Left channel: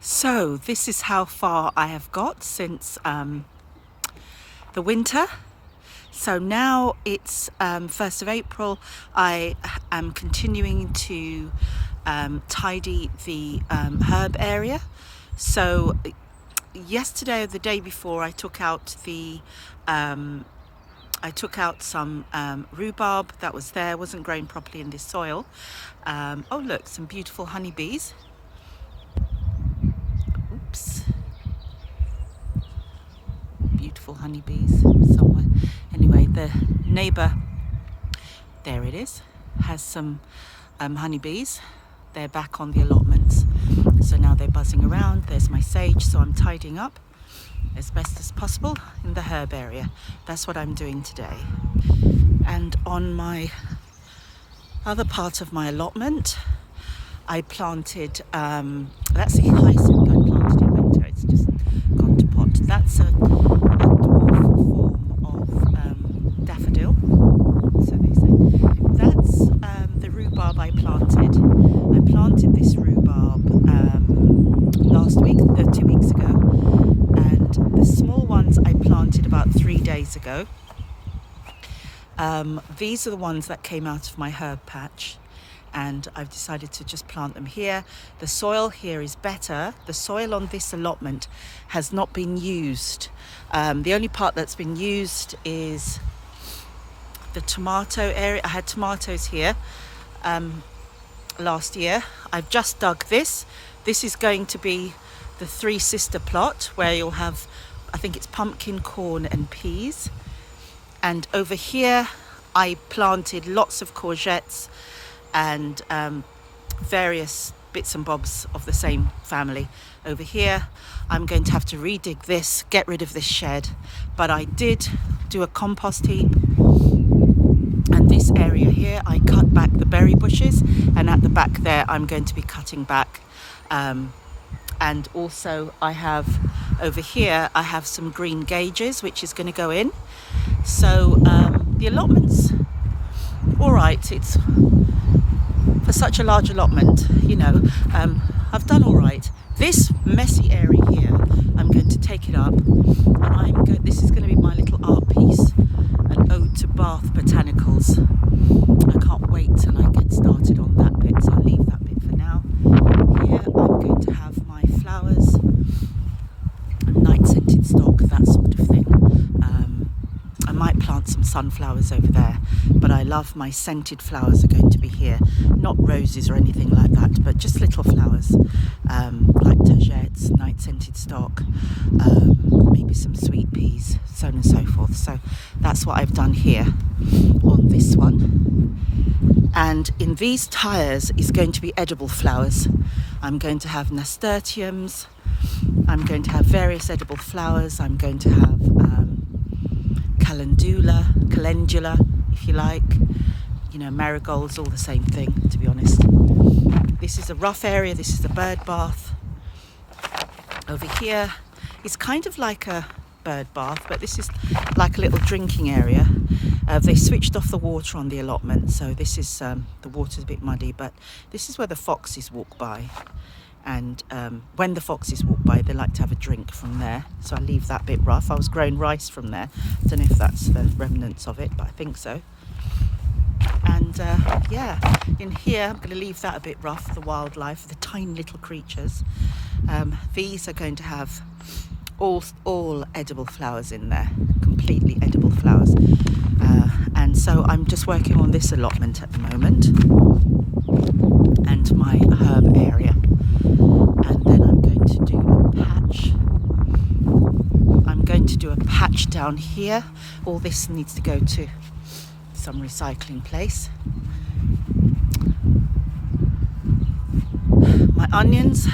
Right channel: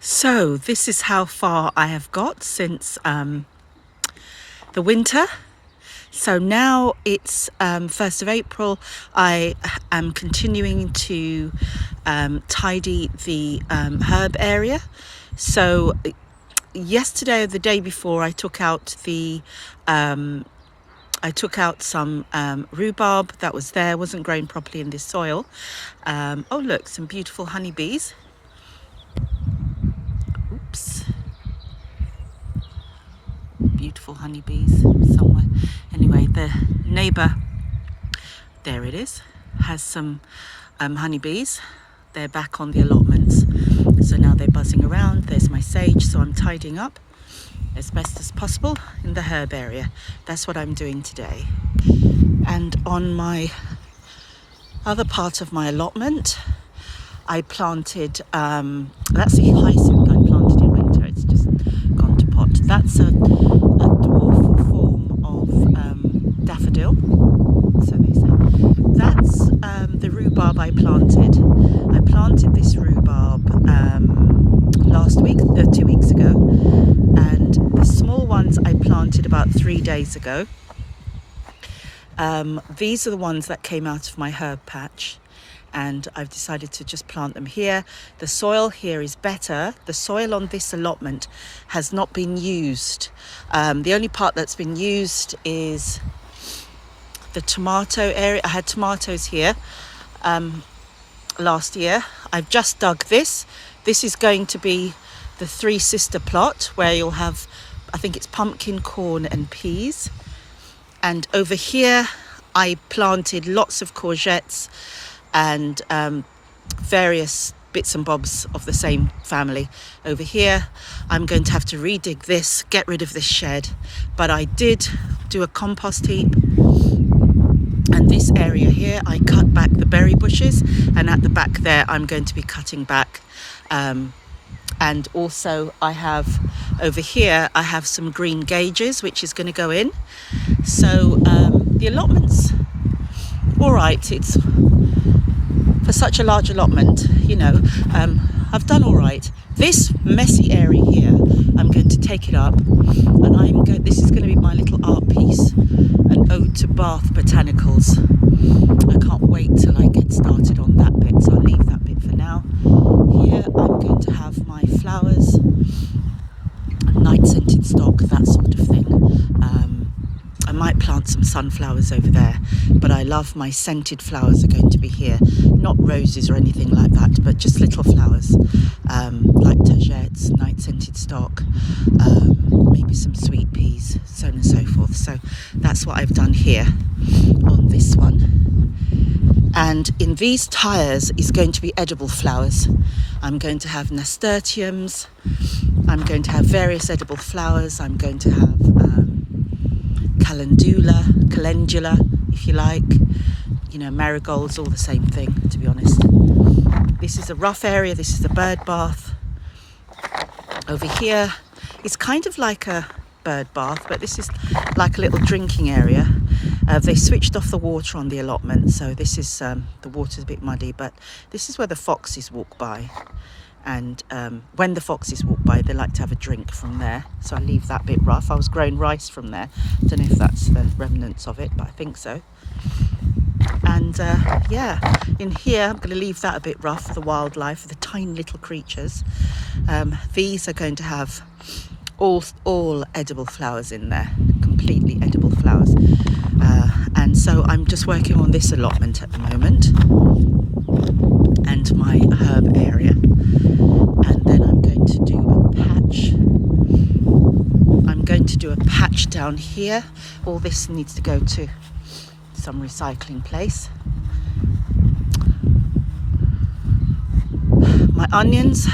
So this is how far I have got since the winter. So now it's 1st of April. I am continuing to tidy the herb area. So yesterday or the day before, I took out some rhubarb that was there, wasn't growing properly in this soil. Oh look, some beautiful honeybees. Oops. Beautiful honeybees somewhere. Anyway, the neighbour, there it is, has some honeybees. They're back on the allotments, so now they're buzzing around. There's my sage, so I'm tidying up as best as possible in the herb area. That's what I'm doing today. And on my other part of my allotment, I planted, that's the hyacinth I planted in winter. It's just gone to pot. That's a dwarf form of daffodil, so they say. That's the rhubarb I planted. I planted this rhubarb last week, 2 weeks ago, and the small ones I planted about 3 days ago. These are the ones that came out of my herb patch, and I've decided to just plant them here. The soil here is better. The soil on this allotment has not been used. The only part that's been used is the tomato area. I had tomatoes here last year. I've just dug this. This is going to be the three sister plot where you'll have, I think it's pumpkin, corn and peas. And over here I planted lots of courgettes and various bits and bobs of the same family. Over here I'm going to have to redig this, get rid of this shed, but I did do a compost heap. And this area here I cut back the berry bushes, and at the back there I'm going to be cutting back and also I have over here I have some green gauges which is going to go in. So the allotment's all right. It's for such a large allotment, you know, I've done all right. This messy area here, I'm going to take it up, and this is going to be my little art piece, an ode to Bath botanicals. I can't wait till I get started on that bit, so I'll leave that bit for now. Here I'm going to have my flowers, night scented stock, that sort of thing. I might plant some sunflowers over there, but I love my scented flowers are going to be here. Not roses or anything like that, but just little flowers, like courgettes, night scented stock, maybe some sweet peas, so on and so forth. So that's what I've done here on this one. And in these tyres is going to be edible flowers. I'm going to have nasturtiums, I'm going to have various edible flowers, I'm going to have calendula, if you like, you know, marigolds, all the same thing, to be honest. This is a rough area, this is a bird bath. Over here, it's kind of like a bird bath, but this is like a little drinking area. They switched off the water on the allotment, so this is, the water's a bit muddy, but this is where the foxes walk by. And when the foxes walk by, they like to have a drink from there, so I leave that bit rough. I was growing rice from there, don't know if that's the remnants of it, but I think so. And yeah, in here I'm going to leave that a bit rough, the wildlife, the tiny little creatures. These are going to have all edible flowers in there, completely edible flowers. And so I'm just working on this allotment at the moment and my herb area. And then I'm going to do a patch. I'm going to do a patch down here. All this needs to go to some recycling place. My onions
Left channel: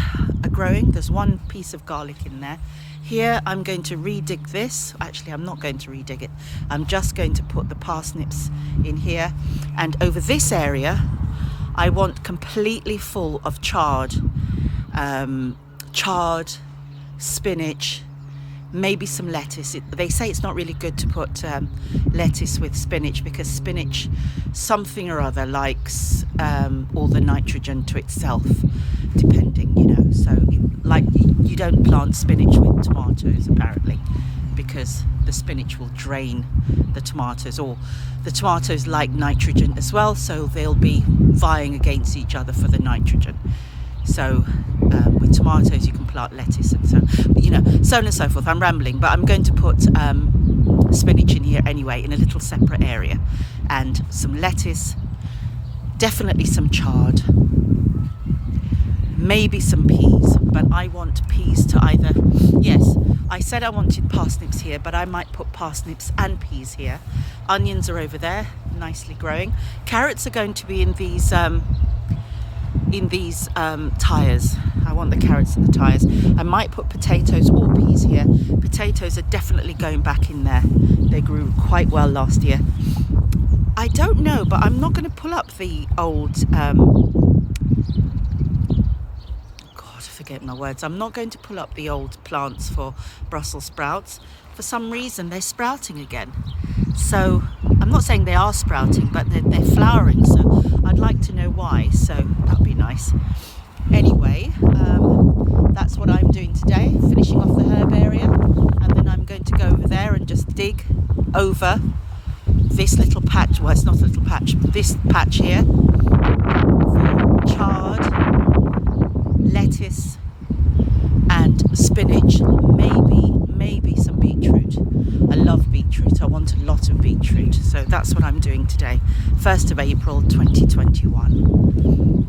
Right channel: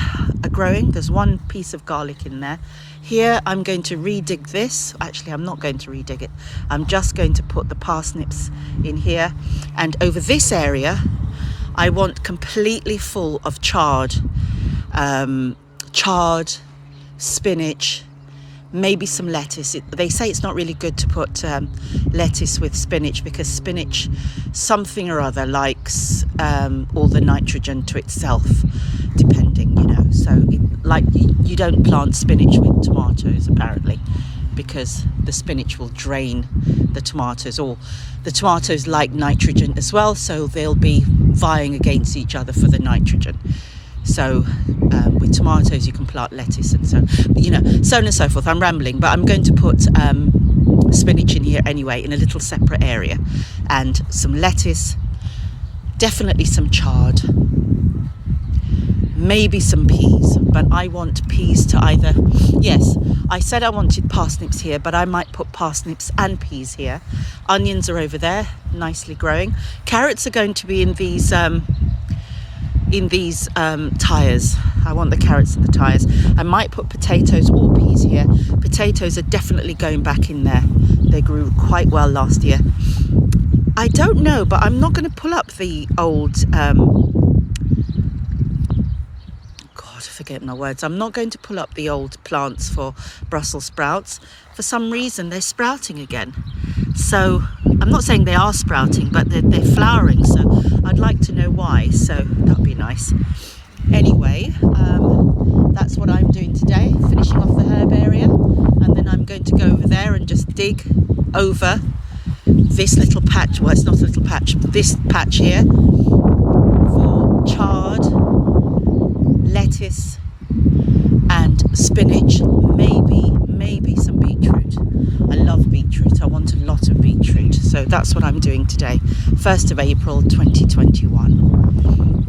are growing. There's one piece of garlic in there. Here I'm going to redig this. Actually, I'm not going to redig it. I'm just going to put the parsnips in here. And over this area, I want completely full of chard, spinach, maybe some lettuce. They say it's not really good to put lettuce with spinach because spinach, something or other, likes all the nitrogen to itself, depending, you know. So you don't plant spinach with tomatoes apparently, because the spinach will drain the tomatoes, or the tomatoes like nitrogen as well, so they'll be vying against each other for the nitrogen. So with tomatoes you can plant lettuce and so, you know, so on and so forth. I'm rambling, but I'm going to put spinach in here anyway, in a little separate area, and some lettuce, definitely some chard, maybe some peas. But I want peas to either, yes, I said I wanted parsnips here, but I might put parsnips and peas here. Onions are over there, nicely growing. Carrots are going to be in these tyres. I want the carrots in the tyres. I might put potatoes or peas here. Potatoes are definitely going back in there. They grew quite well last year. I don't know, but I'm not going to pull up the old forget my words. I'm not going to pull up the old plants for Brussels sprouts. For some reason they're sprouting again. So I'm not saying they are sprouting, but they're flowering, so I'd like to know why. So that'd be nice. Anyway, that's what I'm doing today, finishing off the herb area, and then I'm going to go over there and just dig over this little patch. Well, it's not a little patch, this patch here, for chard, lettuce and spinach, maybe some beetroot. I love beetroot. I want a lot of beetroot. So that's what I'm doing today, 1st of April 2021.